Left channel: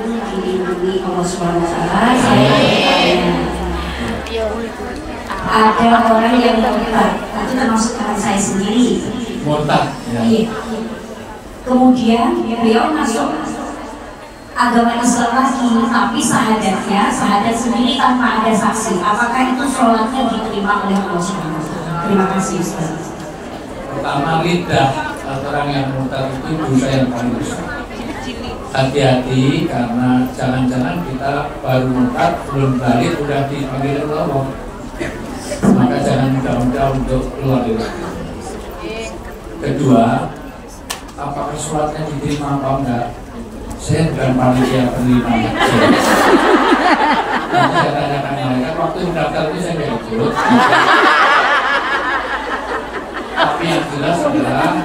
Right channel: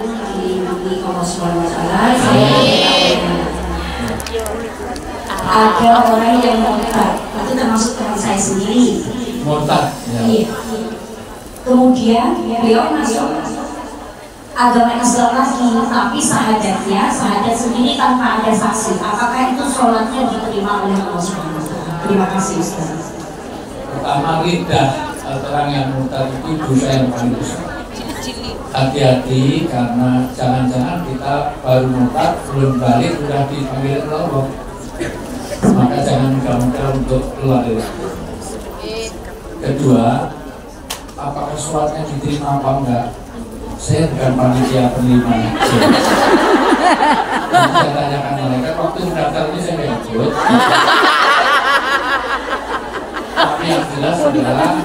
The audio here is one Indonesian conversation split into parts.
ini dilindungi Allah Subhanahu wa Ta'ala. Saya bertanya, ada orang yang murtad, itu termasuk teman saya sendiri. Murtad, ya. Iya. Kemudian beliau masuk agama Islam lagi, tapi sahadatnya sahadat sendiri tanpa ada saksi. Apakah itu sholatnya diterima oleh Allah Subhanahu wa Ta'ala? Terima kasih Ustaz. Pertama, lidah orang yang murtad itu dosa yang paling besar. Hati-hati, karena jangan-jangan kita baru murtad belum balik udah dipanggil Allah, maka jangan mudah-mudah untuk keluar dari itu. Kedua, apakah sholatnya diterima apa enggak? Saya bukan panitia penerima. Saya tanyakan mereka, waktu mendaftar ini saya nggak ikut. Tapi yang jelas adalah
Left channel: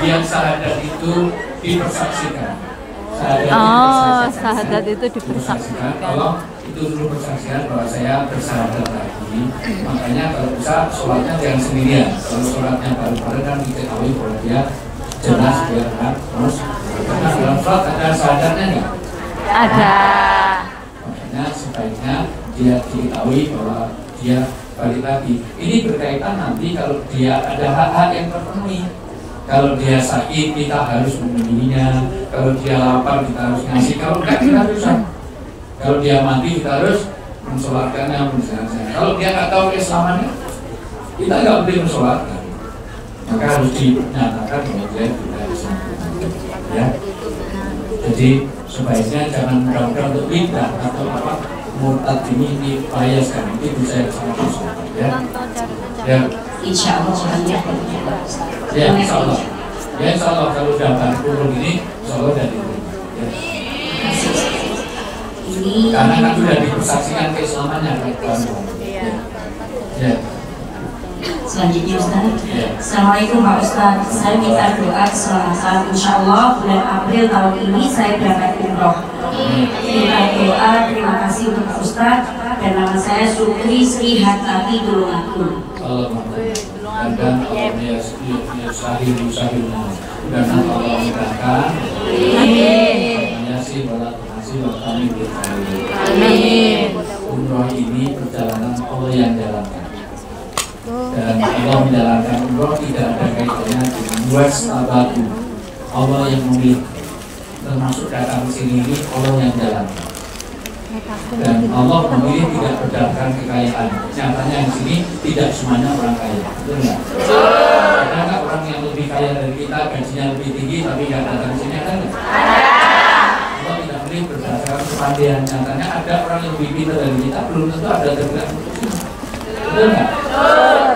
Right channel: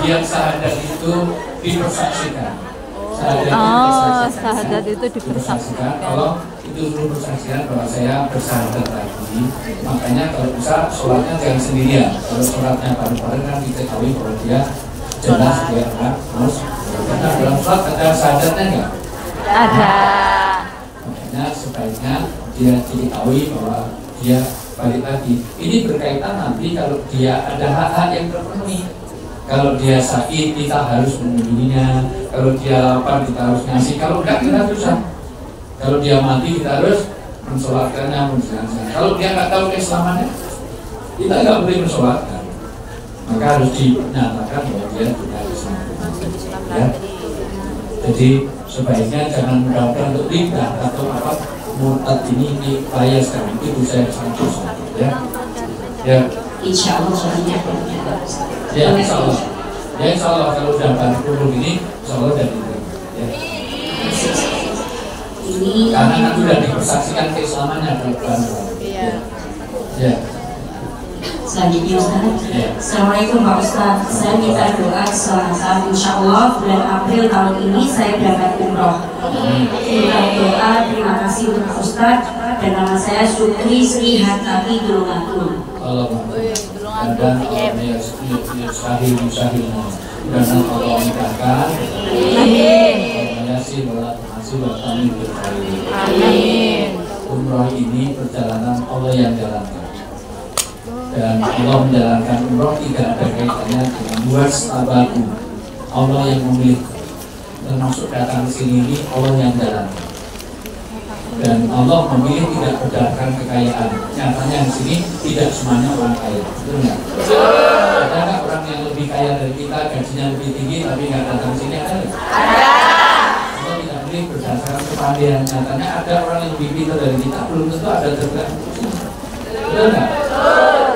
yang sahadat itu dipersaksikan. Sahadat itu dipersaksikan. Kalau itu dulu persaksian bahwa saya bersahadat lagi, makanya kalau bisa sholatnya jangan sendirian. Kalau sholatnya bareng-bareng kan diketahui bahwa dia jelas dia terus. Karena dalam sholat ada sahadatnya enggak? Ada. Makanya sebaiknya dia diketahui bahwa dia balik lagi. Ini berkaitan nanti kalau dia ada hak-hak yang terpenuhi. Kalau dia sakit kita harus mengunjunginya. Kalau dia lapar kita harus ngasih. Kalau enggak kita susah. Kalau dia mati kita harus mensolatkannya, menjalankan. Kalau dia nggak tahu keislamannya, kita nggak boleh mensolatkan. Maka harus dinyatakan bahwa dia tidak Islam. Ya. Jadi sebaiknya jangan mudah-mudah untuk lidah atau apa murtad ini bahaya sekali. Itu saya sangat besar. Ya. Ya. Insya Allah banyak. Ya, insya Allah. Ya, insya Allah kalau udah balik turun ini, insya Allah dari itu. Ya. Karena kan sudah dipersaksikan keislamannya kan. Ya. Ya. Selanjutnya Ustaz. Ya. Assalamualaikum Pak Ustaz. Saya minta doa saat insya Allah bulan April tahun ini saya berangkat umroh. Minta doa, terima kasih untuk Pak Ustaz. Dan nama saya Sukri Sri Hatati Tulungatul. Dan Allah sahil dan Allah mudahkan. Amin. Amin. Umroh ini perjalanan Allah yang jalankan. Dan Allah menjalankan umroh tidak ada kaitannya dengan buat tabaku. Allah yang memilih, termasuk datang ke sini ini Allah yang jalankan. Dan Allah memilih tidak berdasarkan kekayaan. Nyatanya di sini tidak semuanya orang kaya, betul nggak? Ada orang yang lebih kaya dari kita, gajinya lebih tinggi, tapi nggak datang ke sini kan? Allah tidak memilih berdasarkan kepandaian. Nyatanya ada orang yang lebih pintar dari kita, belum tentu ada tergerak untuk sini, betul nggak?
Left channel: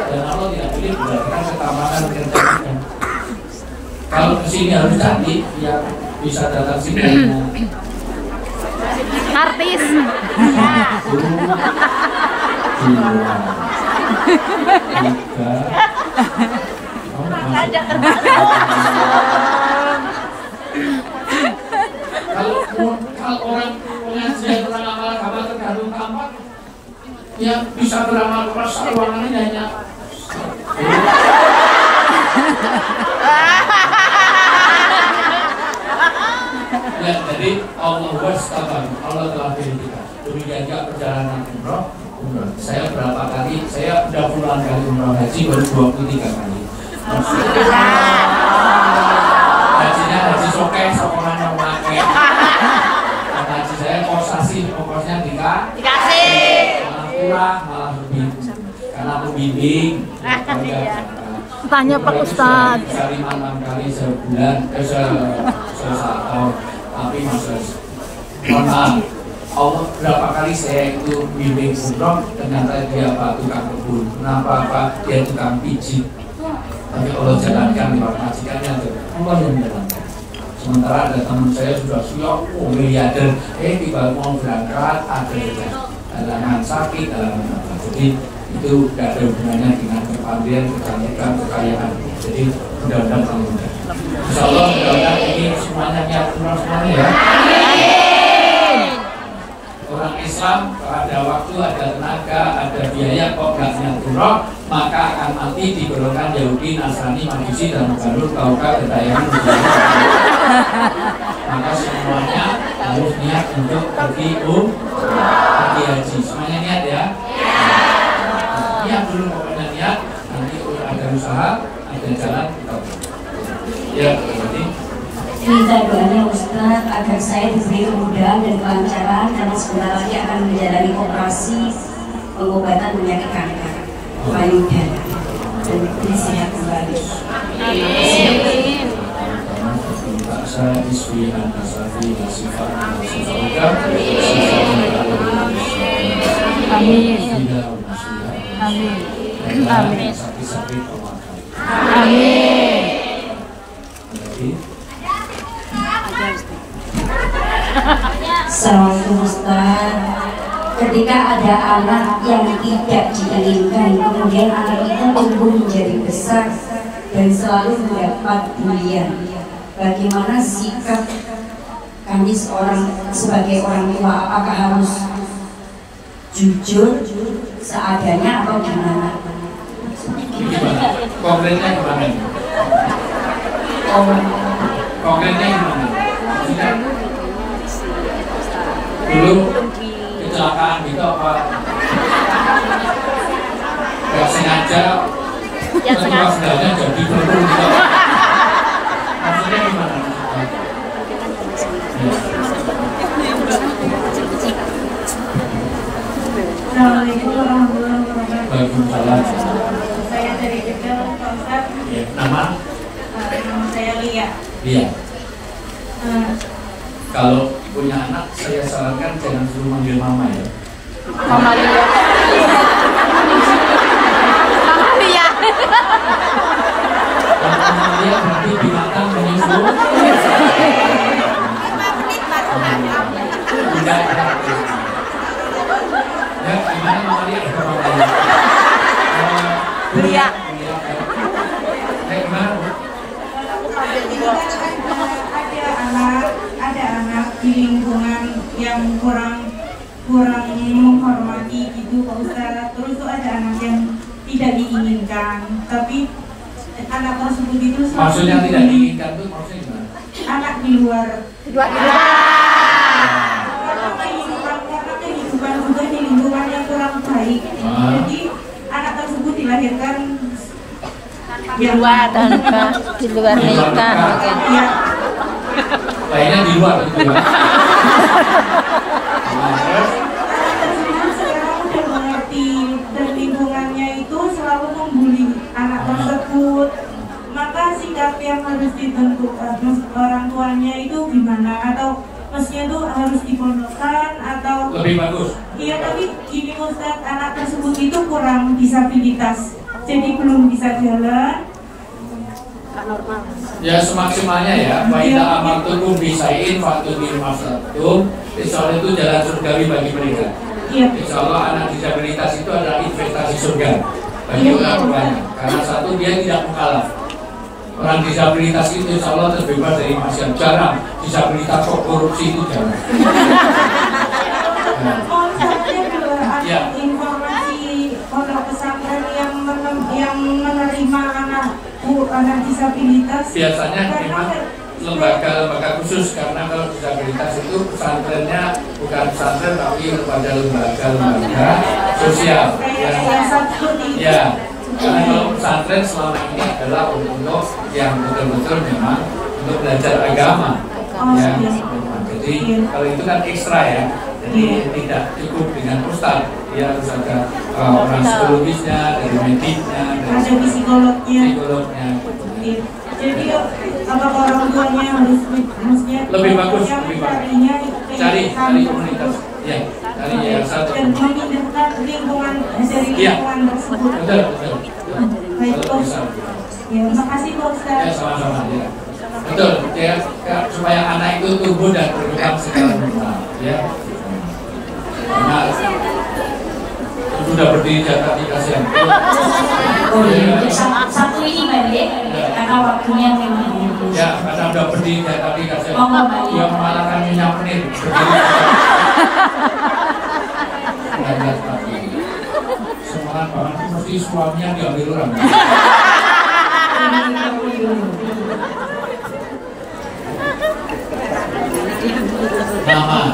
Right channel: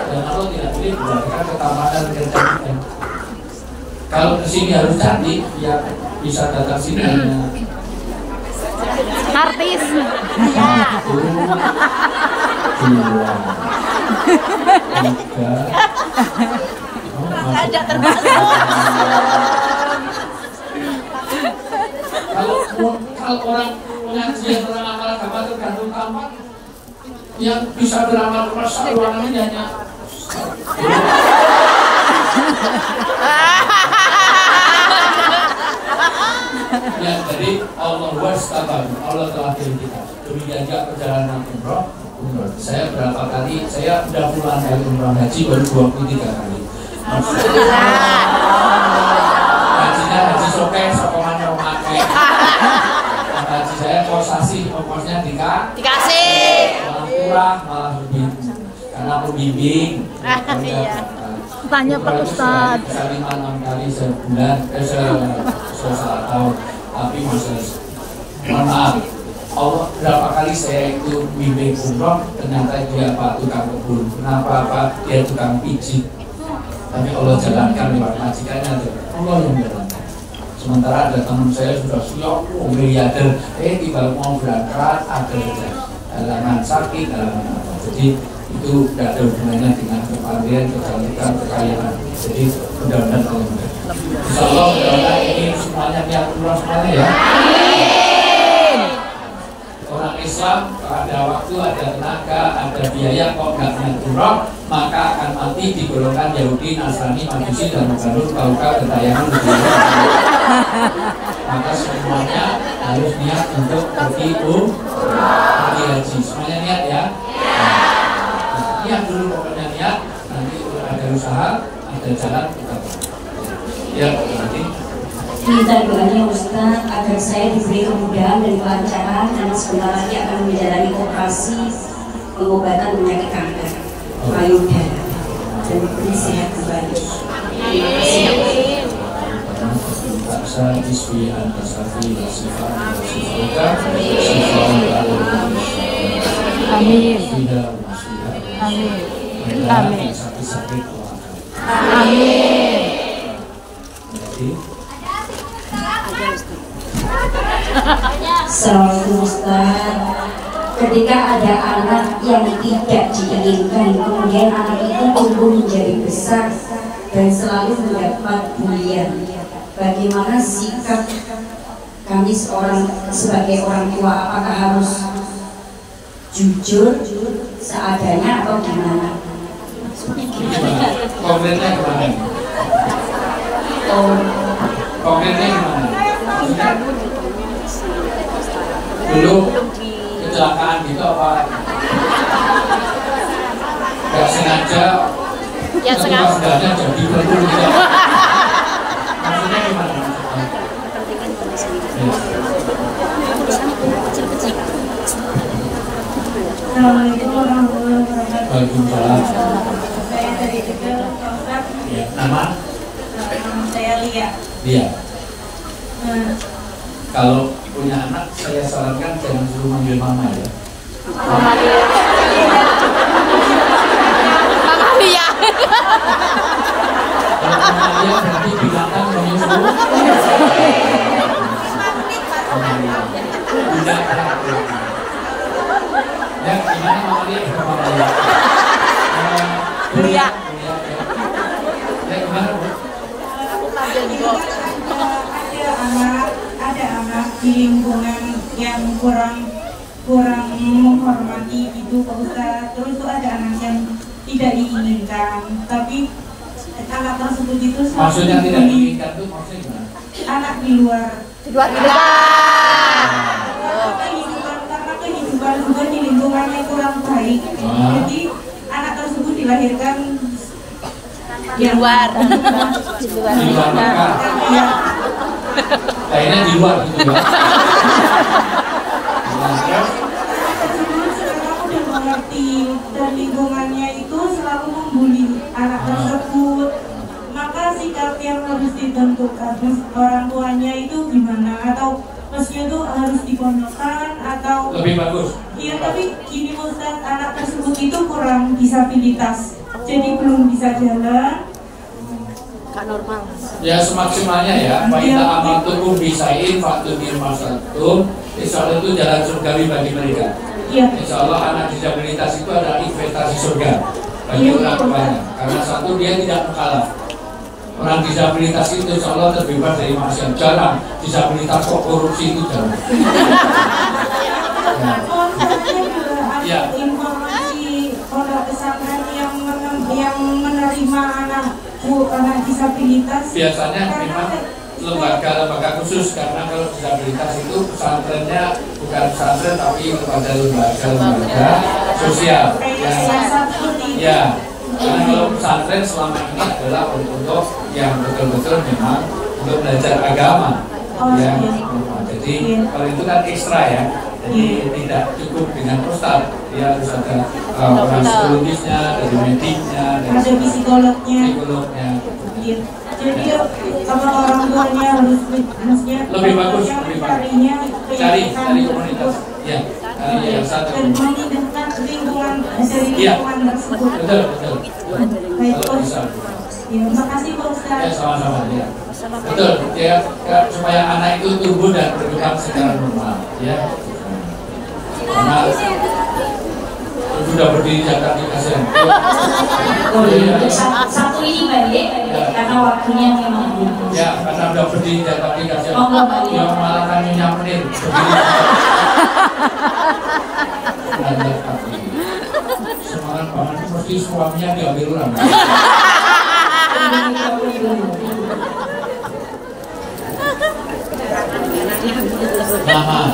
Dan Allah tidak memilih berdasarkan ketamakan kerja kita. Kalau ke sini harus cantik, biar bisa datang sini. Artis. Kalau orang pengajian orang amal agama tergantung tampak, yang bisa beramal keras ruangannya hanya. Ya, jadi Allah Allah telah pilih kita. Demikian juga perjalanan umroh. Saya berapa kali, saya udah pulang dari umroh haji baru 23 kali. Hajinya haji sokai, sokongannya memakai. Haji saya kosasi, ongkosnya dikasih. Malah kurang, malah lebih. Karena pembimbing. Tanya Pak Ustaz. Bisa 5-6 kali sebulan, setahun. Tapi masa mohon maaf, Allah berapa kali saya itu bimbing umroh, ternyata dia apa tukang kebun, kenapa dia tukang pijit. Tapi Allah jalankan lewat majikannya, Allah yang jalankan. Sementara ada teman saya sudah siap, miliarder, tiba mau berangkat ada halangan sakit, halangan apa. Jadi itu tidak ada hubungannya dengan kepandaian, kecantikan, kekayaan. Jadi mudah-mudahan mudah. Insya Allah mudah-mudahan ini semuanya niat umroh semuanya ya. Orang Islam kalau ada waktu, ada tenaga, ada biaya kok nggak niat umroh, maka akan mati di golongan Yahudi, Nasrani, Majusi dan Mugarur, Kauka, Gentayangan. Maka semuanya harus niat untuk pergi haji. Semuanya niat ya. Niat dulu pokoknya niat. Nanti ada usaha, ada jalan kita. Ya, berarti. Minta doanya Ustaz agar saya diberi kemudahan dan kelancaran karena sebentar lagi akan menjalani operasi pengobatan penyakit kanker payudara dan diberi sehat kembali. Terima kasih. Amin. Amin. Amin. Amin. Assalamualaikum Ustaz. Ketika ada anak yang tidak diinginkan, kemudian anak itu tumbuh menjadi besar dan selalu mendapat bulian, bagaimana sikap kami sebagai orang tua? Apakah harus jujur seadanya atau gimana? Konkretnya gimana? Konkretnya gimana? Dulu kecelakaan gitu apa? Gak sengaja? Ya sengaja jadi perlu gitu. Maksudnya gimana? Waalaikumsalam. Saya dari kecil, Ustaz. Ya, nama? Saya Lia. Lia. Kalau punya anak, saya sarankan jangan suruh manggil mama ya. Mama Lia. Kalau mama Lia berarti binatang menyusul. Tidak. Ya, gimana mama Lia? Lia. Ya, gimana Bu? Ada anak di lingkungan yang kurang menghormati gitu Pak Ustaz. Terus tuh ada anak yang tidak diinginkan, tapi anak tersebut itu Maksudnya tidak diinginkan itu maksudnya gimana? Anak di luar. Karena kehidupan bukan di lingkungan yang kurang baik. Jadi anak tersebut dilahirkan Di luar nikah. Ya. Lainnya di luar gitu ya. Terus Sekarang udah mengerti dan lingkungannya itu selalu membuli anak tersebut. Maka sikap yang harus ditentukan orang tuanya itu gimana? Atau maksudnya tuh harus dipondokkan atau lebih bagus. Iya, tapi gini Ustaz, anak tersebut itu kurang disabilitas, jadi belum bisa jalan. Ya semaksimalnya ya. Baiklah amal tubuh bisain waktu di masatum. Insya Allah itu jalan surgawi bagi mereka. Iya. Insya Allah anak disabilitas itu ada investasi surga bagi orang tuanya. Karena satu dia tidak mukallaf. Orang disabilitas itu insya Allah terbebas dari maksiat. Jarang disabilitas kok korupsi itu jarang. Ya. Informasi pondok pesantren yang menerima anak disabilitas Biasanya memang lembaga khusus, karena kalau disabilitas itu pesantrennya bukan pesantren tapi lembaga sosial yang ya. Karena kalau pesantren selama ini adalah untuk yang betul-betul memang untuk belajar agama ya. Jadi kalau itu kan ekstra ya. Jadi tidak cukup dengan ustaz, ya harus ada orang psikologisnya, dari medisnya, dari ada psikolognya. Jadi apa orang tuanya harus maksudnya lebih bagus, lebih bagus. Cari komunitas, ya, cari yang satu. Dan memindahkan lingkungan dari lingkungan tersebut. Betul. Baik, Kalau bisa. Ya, terima kasih Pak Ustaz. Ya, sama-sama ya. Betul, ya, supaya anak itu tumbuh dan berkembang secara normal, ya. Karena sudah berdiri di atas kasihan. Untuk satu ini Mbak Dek, karena waktunya memang Ya, karena sudah berdiri di atas kasihan. Yang mengalahkan Nyonya Menir. Semangat banget, mesti suaminya diambil orang. Nama.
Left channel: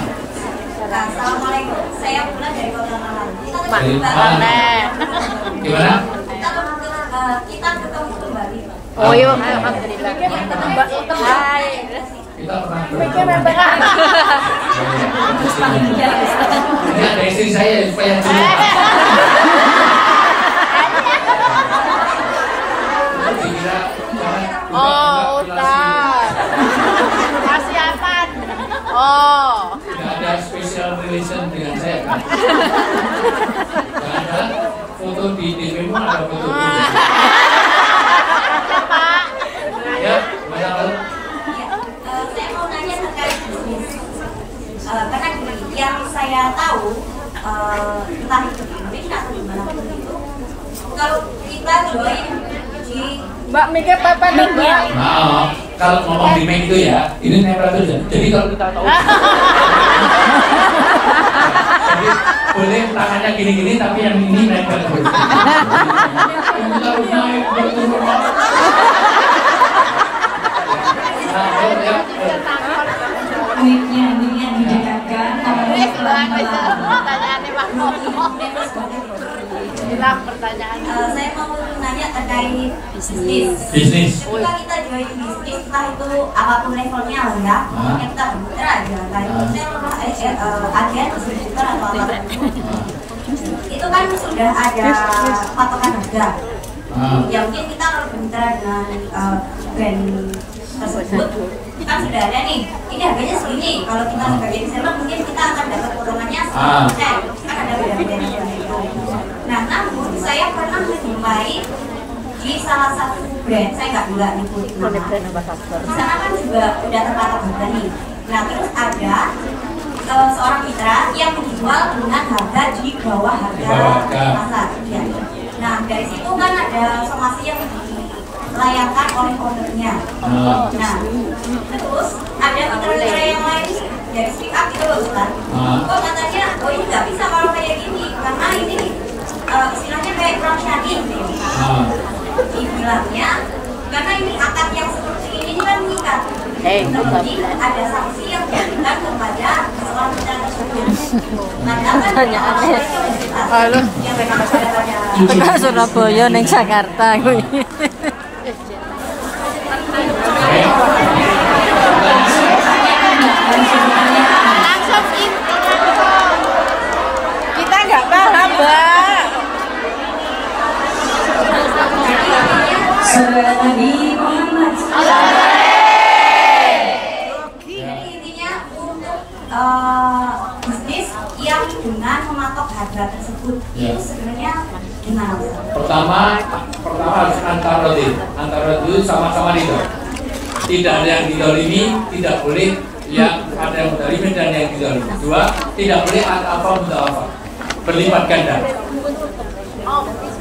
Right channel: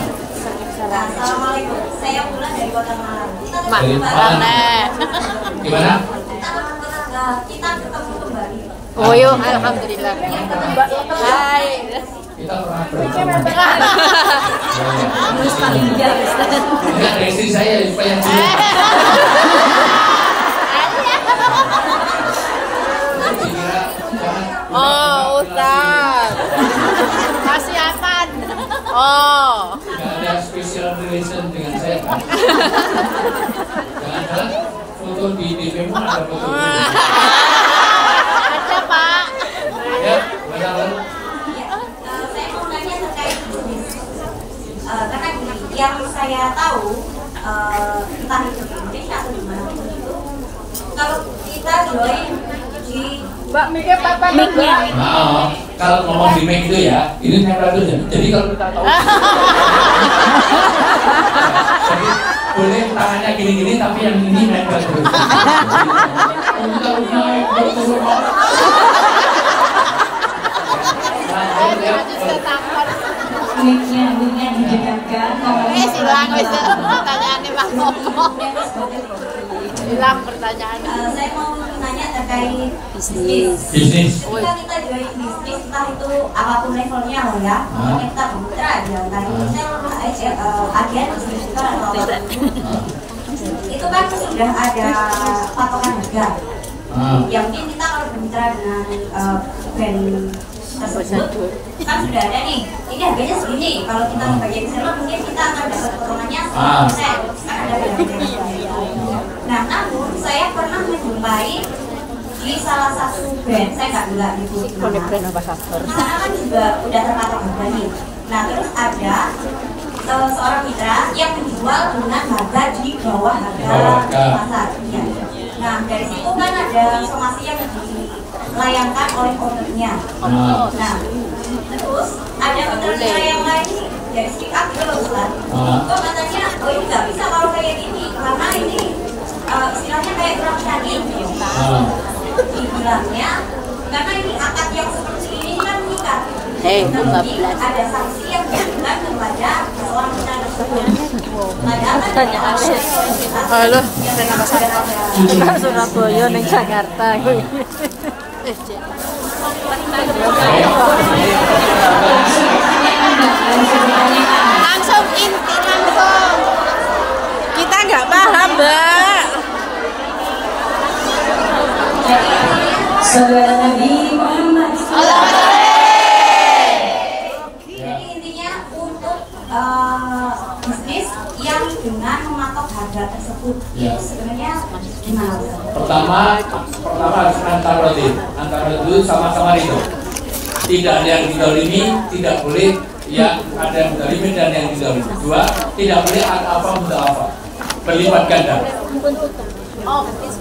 Assalamualaikum. Saya Bulan dari Kota Malang. Dari Malang. Gimana? Kita ketemu kembali. Oh yuk, alhamdulillah. Kita pernah bertemu. Ini ada istri saya supaya dulu. Oh, Ustaz. Masih aman. Oh. Gak ada special relation dengan saya kan? Jangan-jangan foto di DP-mu ada foto gue. Ada, Pak. Ya, mana lo? Saya mau nanya terkait karena gini, yang saya tahu entah itu di Indonesia atau di mana pun itu, kalau kita join di Mbak Mika Papa Mika. Nah, kalau ngomong di main itu ya, ini nempel itu. Jadi kalau kita tahu, jadi boleh tangannya gini-gini, tapi yang ini nempel terus. Kita harus naik turun. Nah, ya. Mic-nya didekatkan. saya mau nanya terkait bisnis. Jika kita join bisnis, entah itu apapun levelnya lah ya, pokoknya kita bermutra aja, entah itu sales, agen, distributor atau apa. Itu kan sudah ada patokan harga. Ya mungkin kita kalau bermitra dengan brand tersebut kan sudah ada nih, ini harganya segini. Kalau kita sebagai reseller mungkin kita akan dapat potongannya 10%, kan ada brand-brand seperti itu. Nah, namun saya pernah menjumpai di salah satu brand, saya nggak nyebut nama. Di sana kan juga udah terpatok harga nih. Nah, terus ada seorang mitra yang menjual dengan harga di bawah harga pasar. Ya. Nah, dari situ kan ada somasi yang dilayangkan oleh ownernya. Nah, terus ada mitra yang lain dari speak up gitu loh kan. Kok katanya, oh ini nggak bisa kalau kayak gini, karena ini istilahnya kayak kurang syar'i. Dibilangnya, karena ini akad yang seperti ini kan mengikat. Jadi ada sanksi yang diberikan kepada seorang mitra tersebut. Padahal kan yang memang sudah ada Surabaya neng Jakarta kuwi. Langsung info langsung. Kita nggak paham, Mbak. Saudara Nabi Muhammad. Jadi intinya untuk bisnis yang dengan mematok harga tersebut itu sebenarnya gimana? Pertama harus antara dulu sama-sama itu. Tidak ada yang didolimi, tidak boleh yang ada yang didolimi dan yang didolimi. Dua, tidak boleh apa untuk apa berlipat ganda.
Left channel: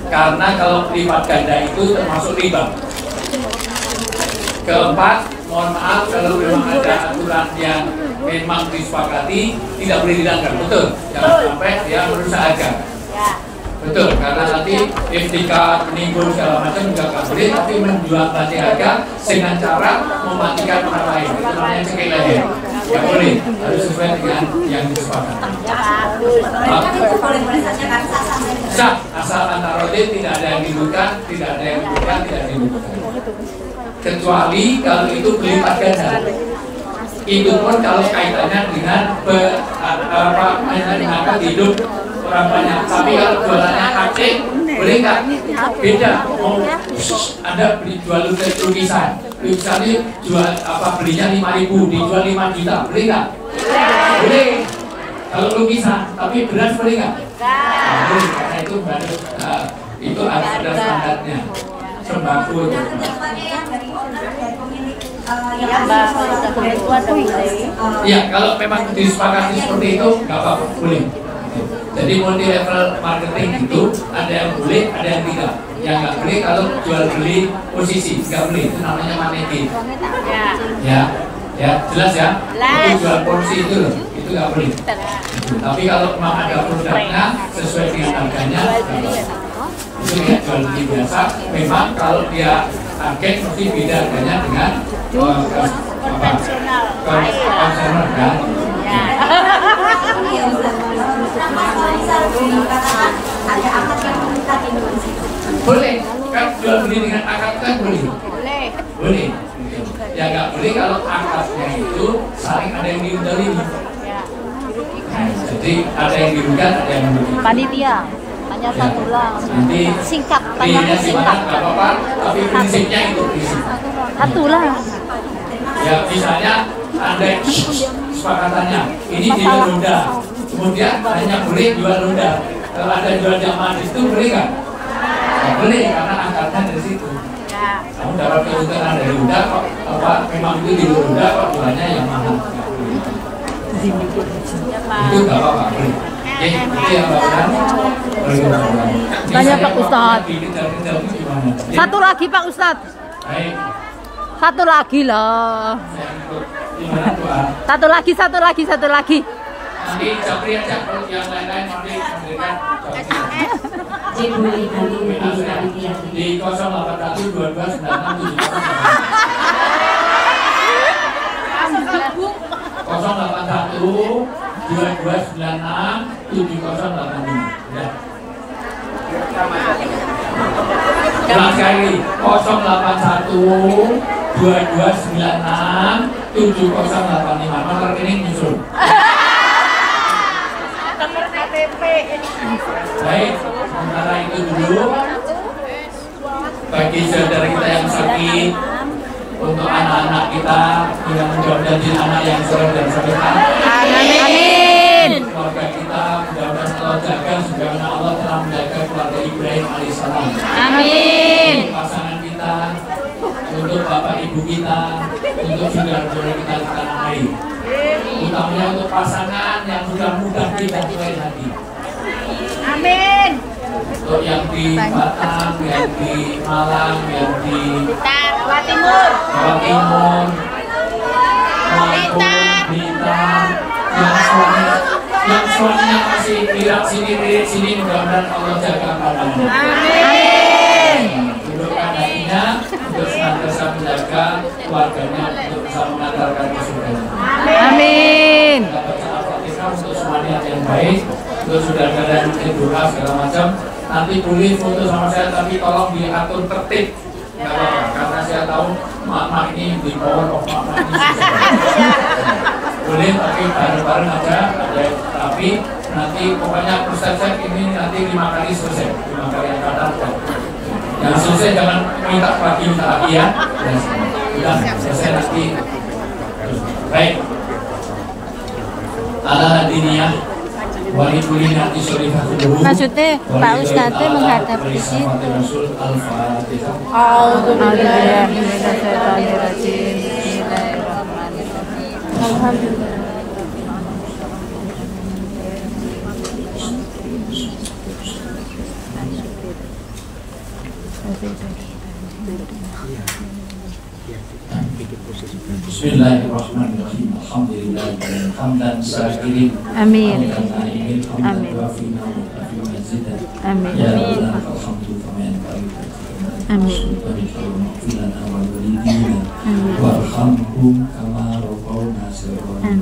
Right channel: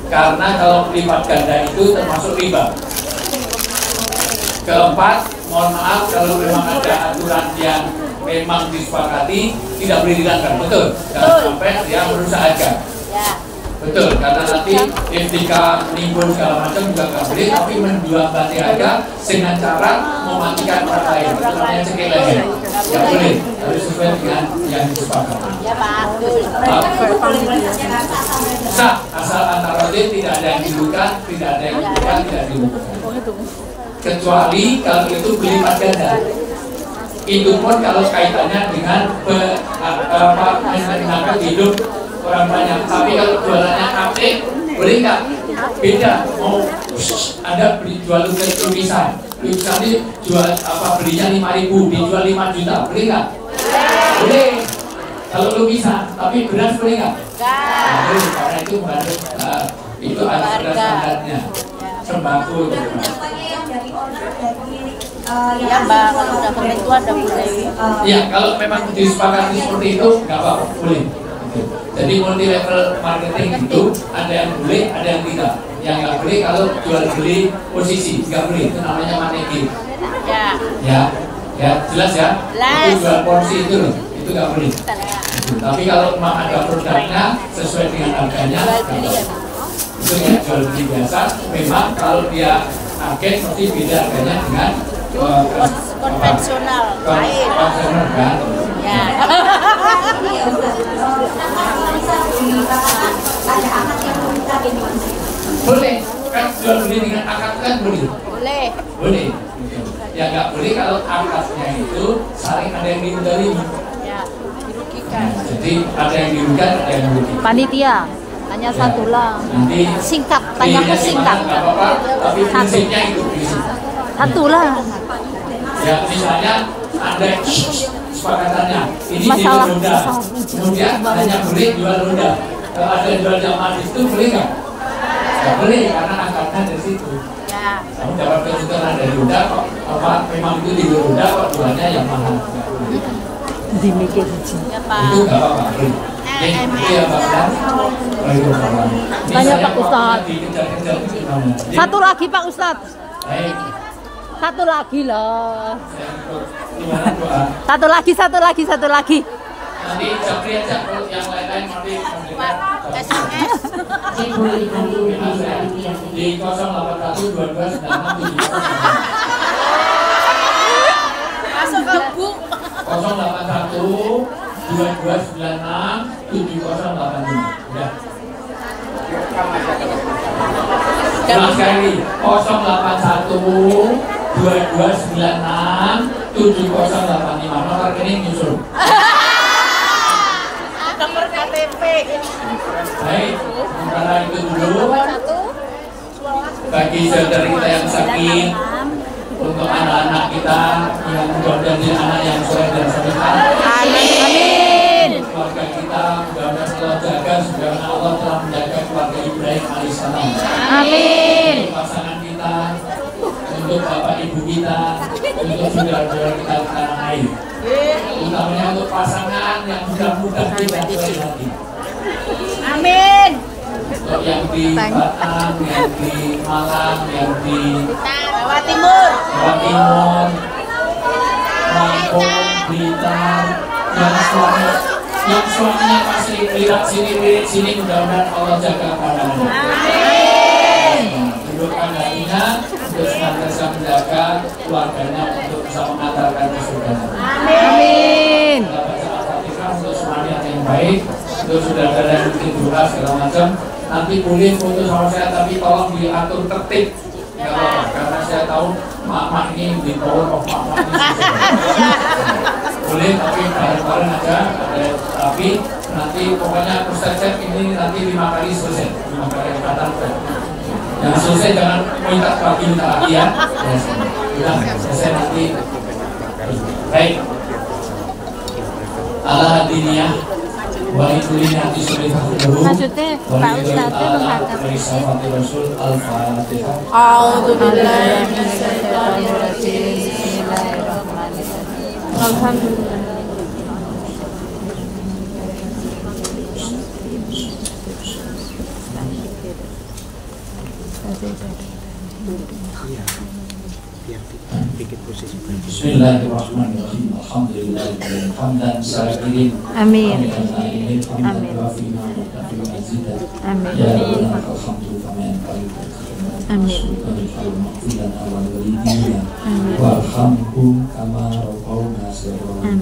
Karena kalau lipat ganda itu termasuk riba. Keempat, mohon maaf kalau memang ada aturan yang memang disepakati tidak boleh dilanggar, betul. Jangan sampai dia merusak harga. Betul, karena nanti etika menimbun segala macam juga nggak boleh, tapi menjual bati harga dengan cara mematikan orang lain, itu namanya cekik leher. Nggak boleh, harus sesuai dengan yang disepakati. Sah, asal antara tidak ada yang dirugikan, tidak ada yang dirugikan, tidak dirugikan. Kecuali kalau itu berlipat ganda. Itu pun kalau kaitannya dengan hidup orang banyak. Tapi kalau jualannya aktif, boleh nggak? Beda. Oh, Anda jual lukisan ini jual belinya 5.000, dijual 5 juta, boleh nggak? Boleh. Kalau lukisan, tapi beras boleh nggak? Boleh, karena itu harus itu ada standarnya. Sembako itu. Ya, kalau memang disepakati seperti itu, nggak apa-apa, boleh. Jadi multi level marketing itu ada yang boleh, ada yang tidak. Yang nggak boleh kalau jual beli posisi, nggak boleh. Itu namanya manekin. Ya, jelas ya. Itu jual porsi itu loh, itu nggak boleh. Tapi kalau memang ada produknya sesuai dengan harganya, nggak apa-apa. Itu ya jual beli biasa. Memang kalau dia target mesti beda harganya dengan konvensional. consumer kan? Iya Ustaz. Sama bisa dikatakan ada akad yang meminta gitu. Boleh, kan jual beli dengan akad kan boleh? Boleh. Boleh. Ya nggak boleh kalau akadnya itu saling ada yang diundang. Nah, jadi ada yang dirugikan, ada yang merugikan. Panitia hanya satu lah. Nanti Singkat, pilihnya tanyakan di mana singkat. nggak apa-apa, tapi prinsipnya itu prinsip. Satu lah. Ya misalnya ada kesepakatannya, ini jual ronda, kemudian hanya boleh jual ronda. Kalau ada jual jamaah di situ boleh nggak? Nggak boleh karena akadnya dari situ. Kamu dapat keuntungan dari ronda, kok apa memang itu di ronda kok jualnya yang mahal. Itu nggak apa-apa, boleh. Itu yang bapak Tanya Pak Ustadz. Dikejar-kejar itu gimana? Satu lagi Pak Ustadz. Baik, Satu lagi loh. saya ikut. Gimana doa? Satu lagi. Nanti japri aja kalau yang lain-lain nanti memberikan japri. Boleh nanti WA saya di 081 22 96 081 2296 7085. Ya. Ulang sekali 081 2296 7085. Nomor rekening nyusul. Baik, sementara itu dulu bagi saudara kita yang sakit, untuk anak-anak kita yang mudah-mudahan jadi anak yang soleh dan sedekah. Amin. Keluarga kita mudah-mudahan Allah jaga sebagaimana Allah telah menjaga keluarga Ibrahim alaihissalam. Amin. Untuk pasangan kita, untuk bapak ibu kita, untuk saudara-saudara kita di tanah air. Utamanya untuk pasangan yang mudah-mudah tidak baik hati. Amin. Untuk yang di Batam, yang di Malang, yang di Jawa Timur. Lampung, Blitar, yang suaminya masih lirat sini, mudah-mudahan Allah jaga pandangan. Amin. Dudukkan hatinya untuk senantiasa menjaga keluarganya untuk bisa mengantarkan ke surga. Amin. Kita baca Al-Fatihah untuk semuanya yang baik, untuk saudara-saudara yang mungkin durah segala macam. Nanti boleh foto sama saya, tapi tolong diatur tertib. Nggak apa-apa, karena saya tahu mak-mak ini di power of mak-mak ini boleh, tapi bareng-bareng aja. Tapi nanti pokoknya persep ini nanti 5 kali selesai, 5 kali yang datang. Yang selesai jangan minta lagi ya. Udah selesai nanti. Baik. Ala hadiniyah. Maksudnya Pak Ustadz menghadap ke sini. Bismillahirrahmanirrahim. Alhamdulillah hamdan syakirin. Amin. Amin. Amin. Ya Allah, alhamdulillah. Amin. Warhamhum kama rabbawna saghira.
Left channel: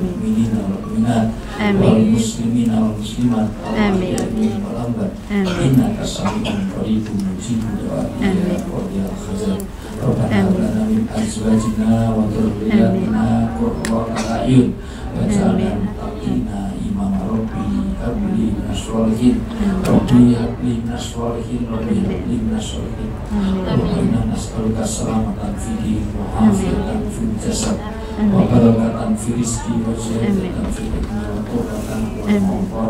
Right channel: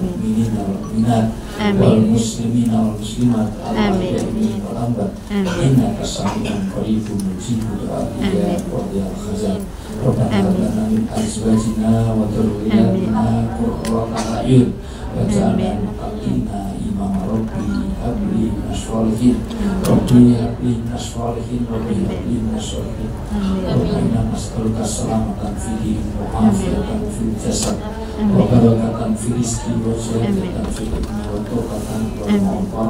Wal muslimina wal muslimat. Amin. Innaka sami'un qaribun mujibud du'a ya qadiyal khazan. Rabbana lana min azwajina wa dhurriyyatina qurrata a'yun waj'alna muttaqina imama. Rabbi habli minasolihin, Rabbi habli minasolihin, Rabbi habli minasolihin. Rabbana nas'aluka salamatan fid din wa afiyatan fil jasad wa barakatan fil rizqi wa ziyadatan fil ilmi wa tawbatan wa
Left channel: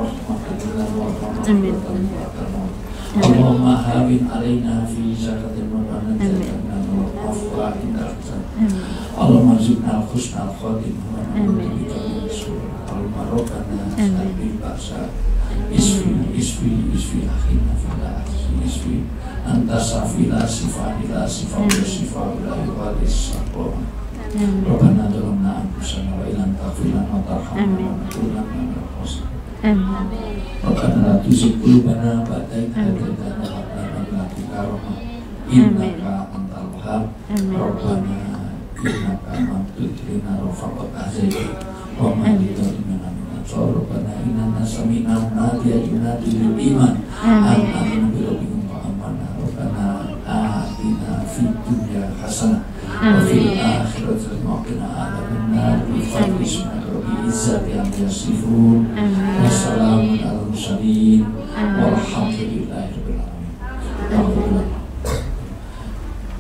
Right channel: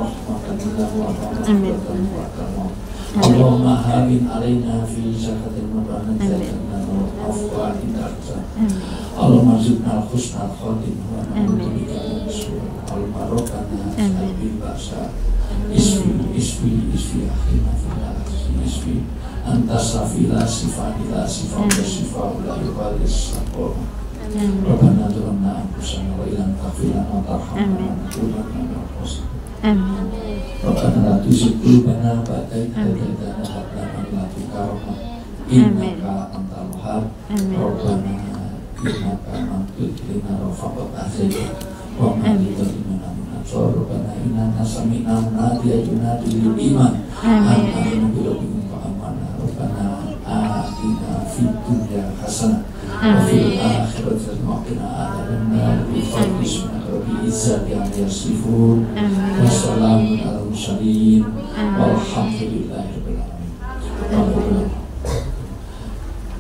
rahmatan wa rahmatan wa karam. Allahumma hawin alaina fi zakatil mabanat wa afwa inda al-azab. Allahumma zidna husnal khatimah wa na'udzu bika min syururi al-marokana sabil basa. Isfi akhina filah isfi antas safila sifadila sifadila sifadila yuwadis sakoh. Rabbana dhulumna anfusana wa ilam taghfirna wa tarhamna wa nakunanna minal khasirin. Rabbana la tuzigh qulubana ba'da idh hadaytana wa hab lana min ladunka rahmah innaka antal wahhab. Rabbana innaka maghfir lana rafaqat azza wa ma'idha imana min rabbana inna sami'na nadiya yunadi lil iman amanu bi rabbikum wa amana rabbana atina fid dunya hasanah wa fil akhirati hasanah wa qina adzabannar bi fadli rabbil izzati amma yasifun wa salamun alal mursalin walhamdulillahi rabbil alamin.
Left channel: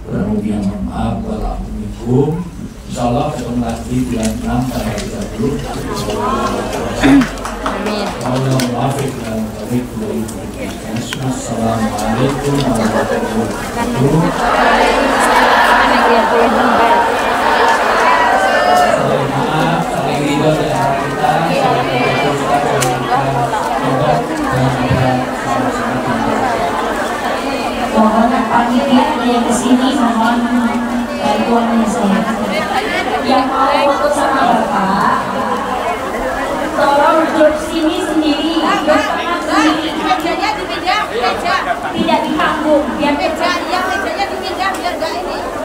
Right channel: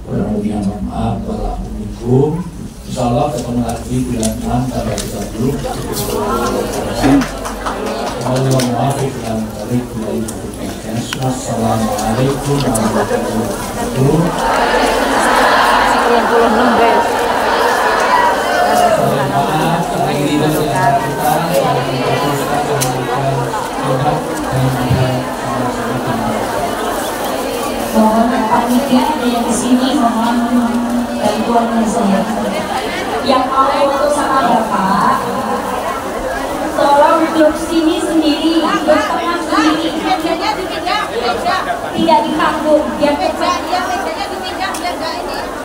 Permohonan maaf walaupun insyaallah ketemu lagi bulan 6 tanggal 30. Allah muwaffiq dan barik dari kita. Assalamualaikum warahmatullahi wabarakatuh. Maaf, saling ridho di antara kita, saling berdoa dan memberikan obat dan juga sama-sama. Mohon panitia yang kesini mohon bantuan saya. Yang mau foto sama bapak, tolong duduk sini sendiri.